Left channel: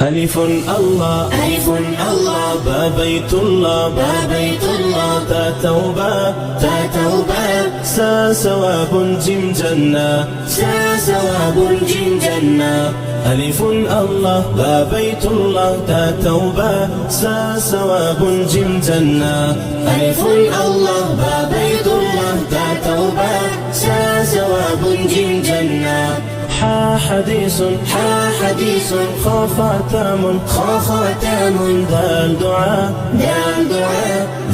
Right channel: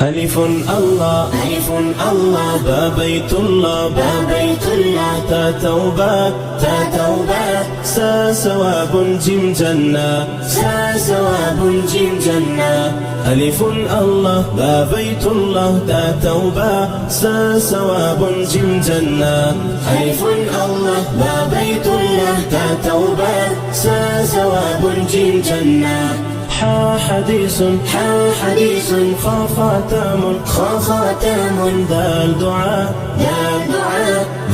ألف الله ألف الله با بيت الله با بيت الله تا توبة تا توبة سا ثواب جيم جنة سا ثواب جيم جنة ألف الله با بيت الله تا توبة سا ثواب جيم جنة ألف الله با بيت الله تا توبة سا ثواب جيم جنة حا حديث خا خاتم ذال دعاء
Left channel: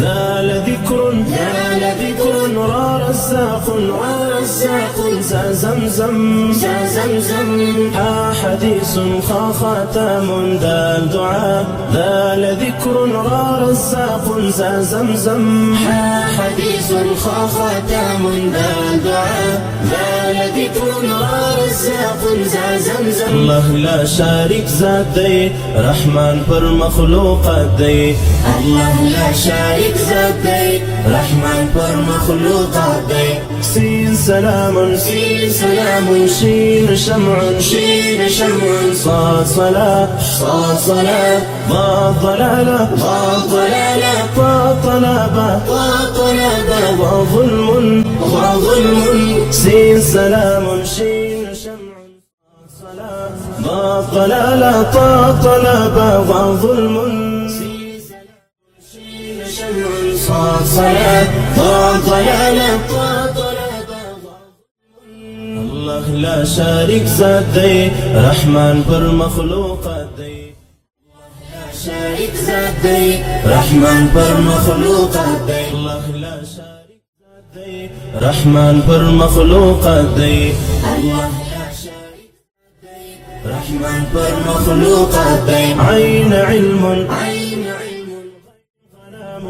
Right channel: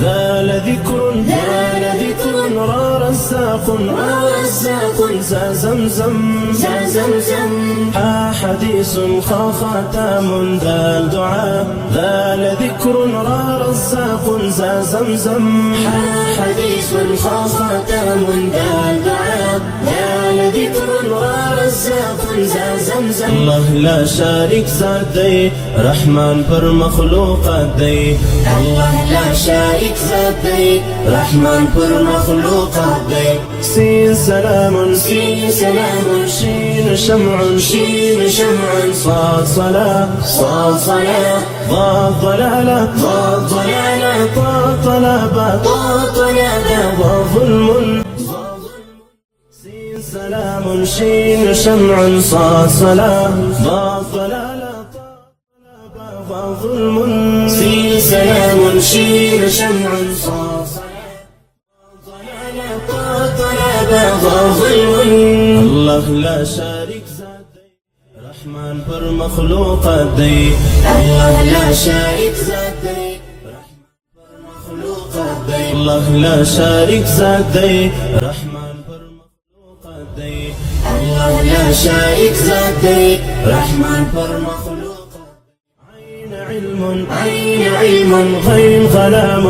ذال ذكر ورزاق زا زمزم حا حديث خا خاتم ذال دعاء ذال ذكر ورزاق زا زمزم حا حديث خا خاتم ذال دعاء ذال ذكر ورزاق زا زمزم الله لا شارك ذات دی رحمان پر مخلوقات دی الله لا شارك ذات دی رحمان پر مخلوقات دی سين سلام شين شمع صاد صلاة ضاد ضلالة طا طلبة وظلم سين سلام شين شمع صاد صلاة ضاد ضلالة طا طلبة وظلم سين سلام شين شمع صاد صلاة ضاد ضلالة طا طلبة وظلم الله لا شارك ذات دی رحمان پر مخلوقات دی الله لا شارك ذات دی رحمان پر مخلوقات دی الله لا شارك ذات دی رحمان پر مخلوقات دی الله لا شارك ذات دی رحمان پر مخلوقات دی عين علم غين غلام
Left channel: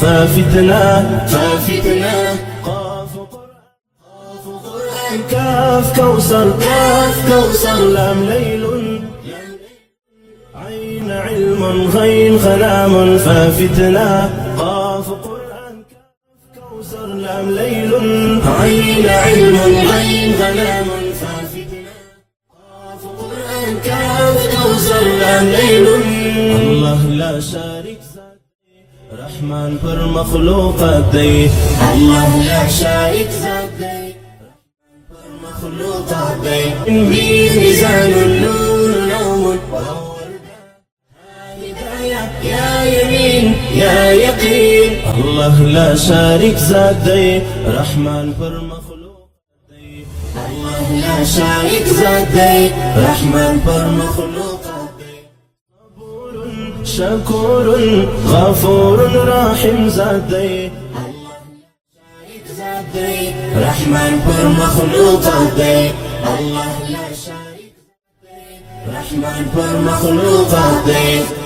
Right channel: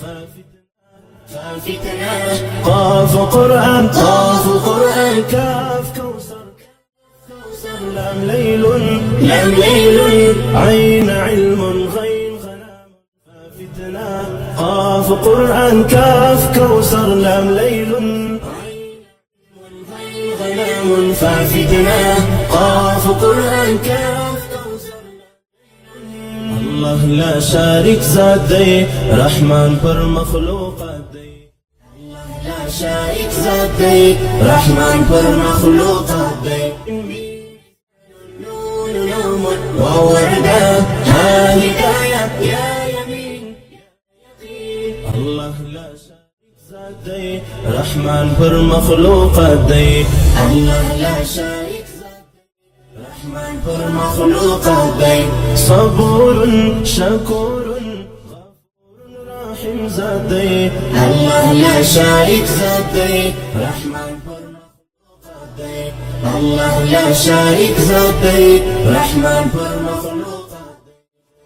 ففتنة قاف قرآن كاف كوثر لام ليل عين علم غين غلام ففتنة قاف قرآن كاف كوثر لام ليل عين علم غين غلام ففتنة قاف قرآن كاف كوثر لام ليل الله لا شارك ذات دی رحمان پر مخلوقات دی الله لا شارك ذات دی رحمان پر مخلوقات دی ميزان النور نوم ووردة هداية يا يمين يا يقين الله لا شارك ذات دی رحمان پر مخلوقات دی الله لا شارك ذات دی رحمان پر مخلوقات دی صبور شكور غفور راحم ذات دی الله لا شارك ذات دی رحمان پر مخلوقات دی الله لا شارك ذات دی رحمان پر مخلوقات دی